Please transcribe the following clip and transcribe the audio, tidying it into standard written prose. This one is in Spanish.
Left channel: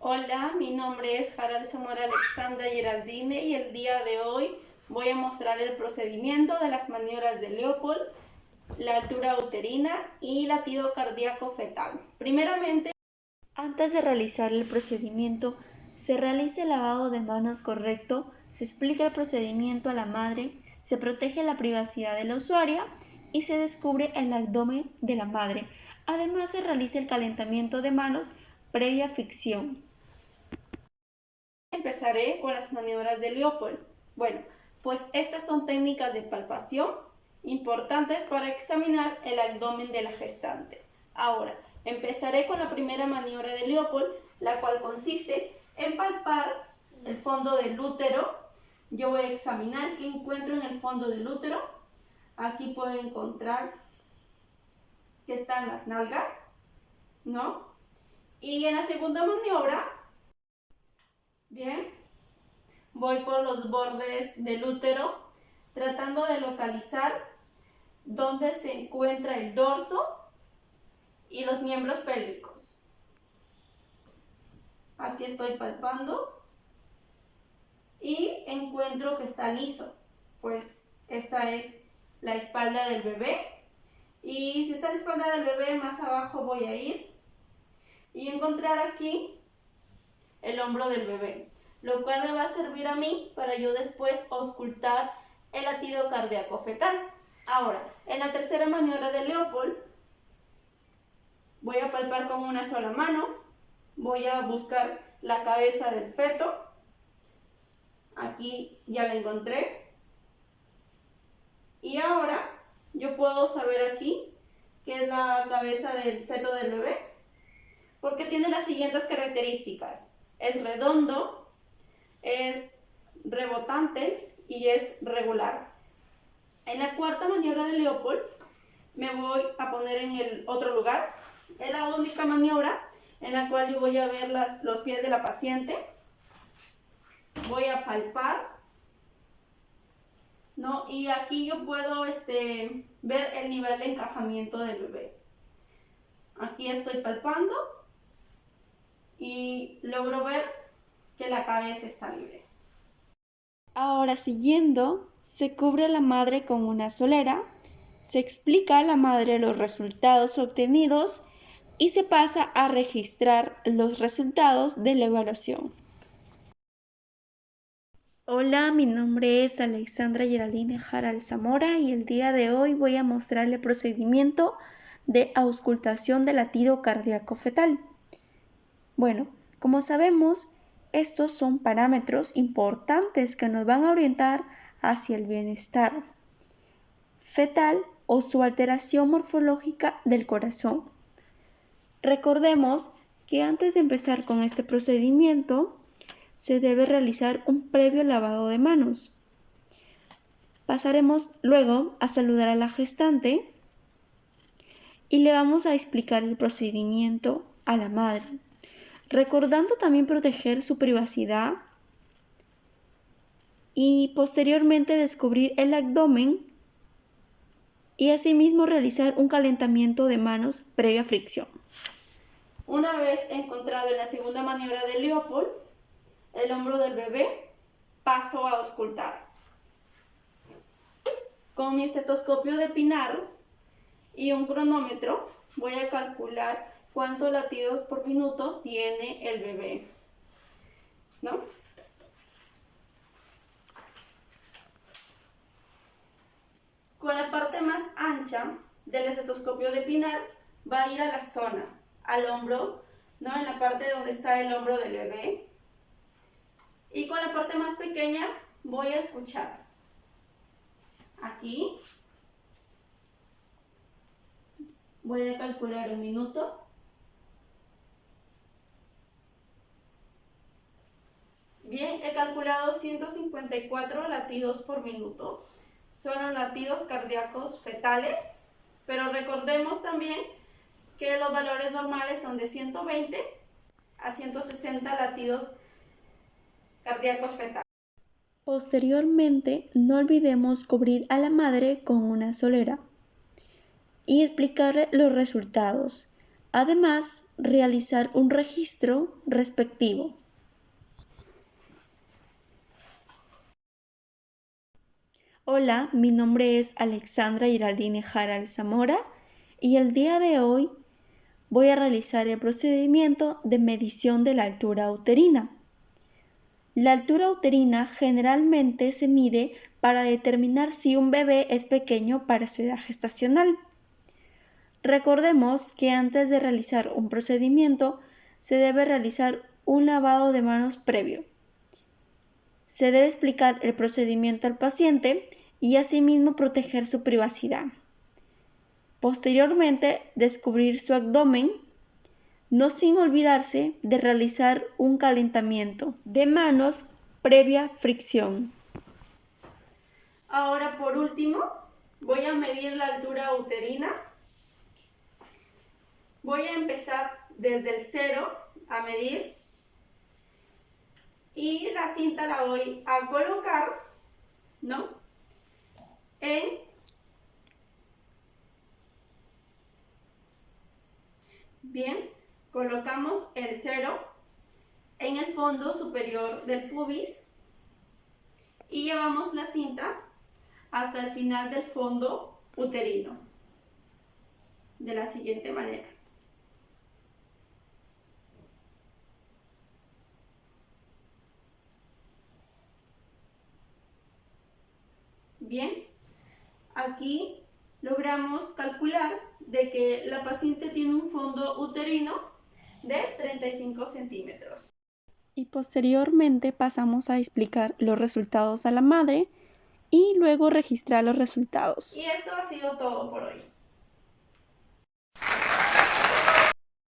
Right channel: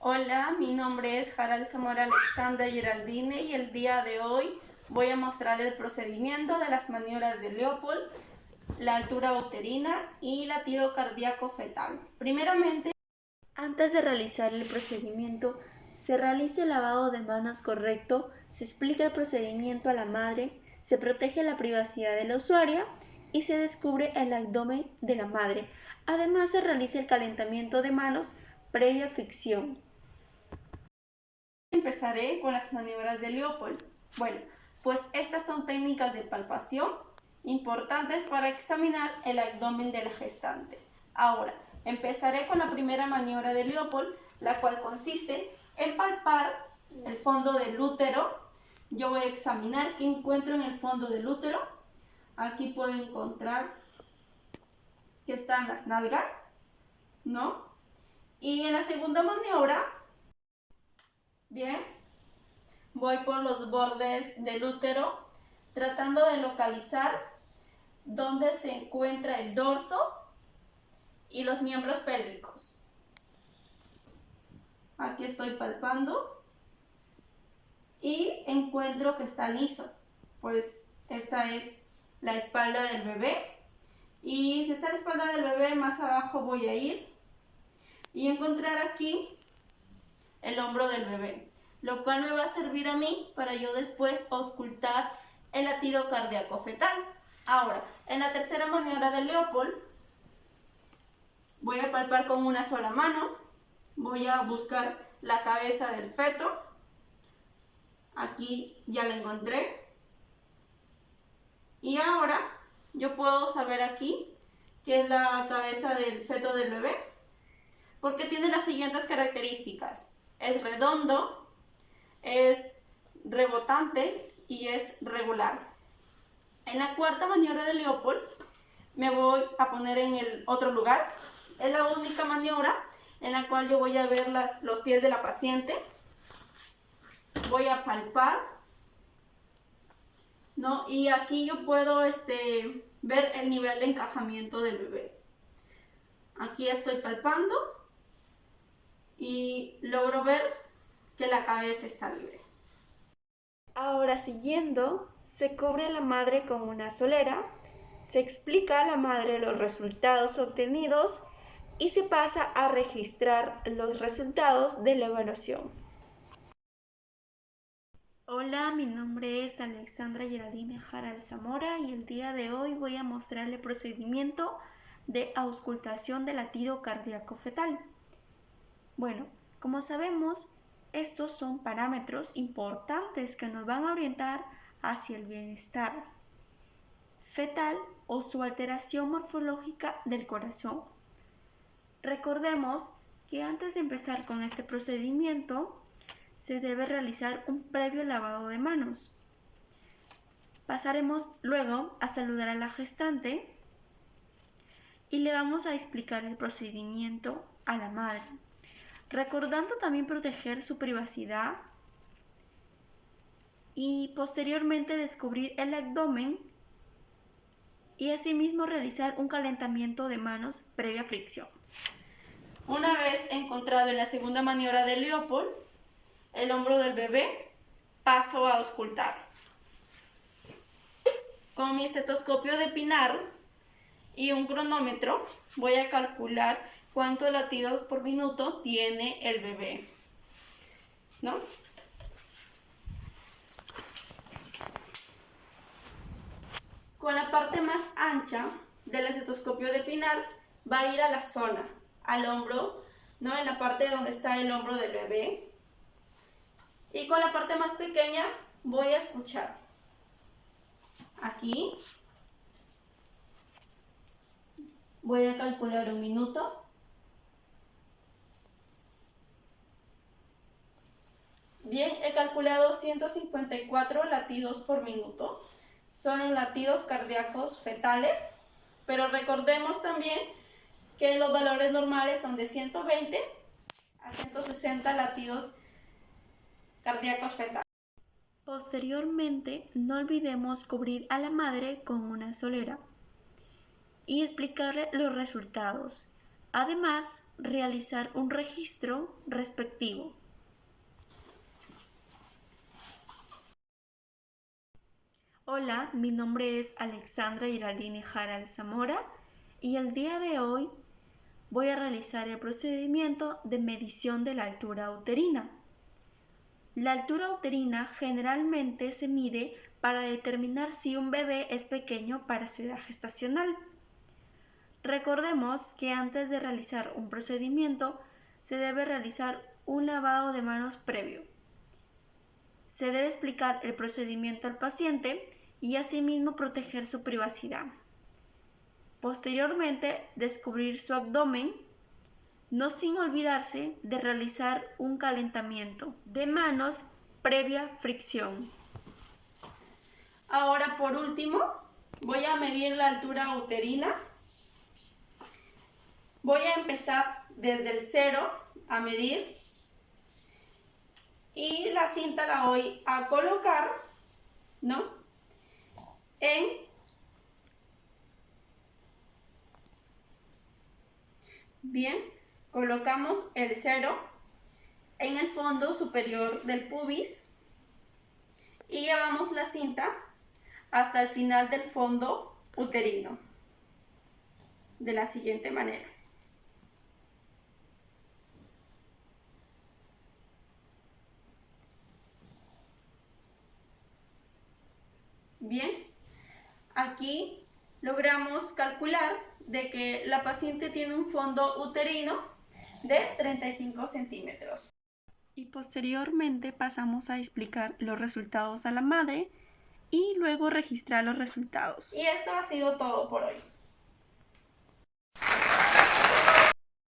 Hola, mi nombre es Jaral Zamora Alexandra Geraldine y el día de hoy voy a mostrar el procedimiento de las maniobras de Leopold, la altura uterina y latido cardíaco fetal. Primeramente, antes de realizar el procedimiento, se realiza el lavado de manos correcto, se explica el procedimiento a la madre, se protege la privacidad de la usuaria y se descubre el abdomen de la madre. Además, se realiza el calentamiento de manos previa fricción. Empezaré con las maniobras de Leopold. Bueno, pues estas son técnicas de palpación importantes para examinar el abdomen de la gestante. Ahora, empezaré con la primera maniobra de Leopold, la cual consiste en palpar el fondo del útero. Yo voy a examinar qué encuentro en el fondo del útero. Aquí puedo encontrar que están las nalgas, ¿no? Y en la segunda maniobra, bien, voy por los bordes del útero tratando de localizar dónde se encuentra el dorso y los miembros pélvicos. Aquí estoy palpando y encuentro que está liso, pues esta es la espalda del bebé, y si está la espalda del bebé, más abajo voy a ir y encontrar aquí el hombro del bebé, lo cual me va a servir a mí para yo después auscultar el latido cardíaco fetal. Ahora, en la tercera maniobra de Leopold, voy a palpar con una sola mano, voy a buscar la cabeza del feto, aquí ya la encontré, y ahora yo puedo saber aquí que es la cabeza del feto del bebé, porque tiene las siguientes características: es redondo, es rebotante y es regular. En la cuarta maniobra de Leopold me voy a poner en el otro lugar. Es la única maniobra en la cual yo voy a ver los pies de la paciente. Voy a palpar, ¿no? Y aquí yo puedo ver el nivel de encajamiento del bebé. Aquí estoy palpando y logro ver que la cabeza está libre. Ahora, siguiendo, se cubre a la madre con una solera, se explica a la madre los resultados obtenidos y se pasa a registrar los resultados de la evaluación. Hola, mi nombre es Alexandra Geraldine Jaral Zamora y el día de hoy voy a mostrarle el procedimiento de auscultación del latido cardíaco fetal. Bueno, como sabemos, estos son parámetros importantes que nos van a orientar hacia el bienestar fetal o su alteración morfológica del corazón. Recordemos que antes de empezar con este procedimiento, se debe realizar un previo lavado de manos. Pasaremos luego a saludar a la gestante y le vamos a explicar el procedimiento a la madre, recordando también proteger su privacidad y posteriormente descubrir el abdomen y asimismo realizar un calentamiento de manos previa fricción. Una vez encontrado en la segunda maniobra de Leopold el hombro del bebé, paso a auscultar. Con mi estetoscopio de Pinar y un cronómetro voy a calcular cuántos latidos por minuto tiene el bebé, ¿no? Con la parte más ancha del estetoscopio de Pinar va a ir a la zona, al hombro, ¿no? En la parte donde está el hombro del bebé. Y con la parte más pequeña voy a escuchar. Aquí voy a calcular un minuto. Bien, he calculado 154 latidos por minuto. Son los latidos cardíacos fetales, pero recordemos también que los valores normales son de 120 a 160 latidos cardíacos fetales. Posteriormente, no olvidemos cubrir a la madre con una solera y explicarle los resultados. Además, realizar un registro respectivo. Hola, mi nombre es Alexandra Giraldine Jaral Zamora y el día de hoy voy a realizar el procedimiento de medición de la altura uterina. La altura uterina generalmente se mide para determinar si un bebé es pequeño para su edad gestacional. Recordemos que antes de realizar un procedimiento se debe realizar un lavado de manos previo. Se debe explicar el procedimiento al paciente y asimismo proteger su privacidad. Posteriormente, descubrir su abdomen, no sin olvidarse de realizar un calentamiento de manos previa fricción. Ahora, por último, voy a medir la altura uterina. Voy a empezar desde el 0 a medir y la cinta la voy a colocar, ¿no? Bien, colocamos el 0 en el fondo superior del pubis y llevamos la cinta hasta el final del fondo uterino, de la siguiente manera. Bien, aquí logramos calcular de que la paciente tiene un fondo uterino de 35 centímetros. Y posteriormente pasamos a explicar los resultados a la madre y luego registrar los resultados. Y eso ha sido todo por hoy.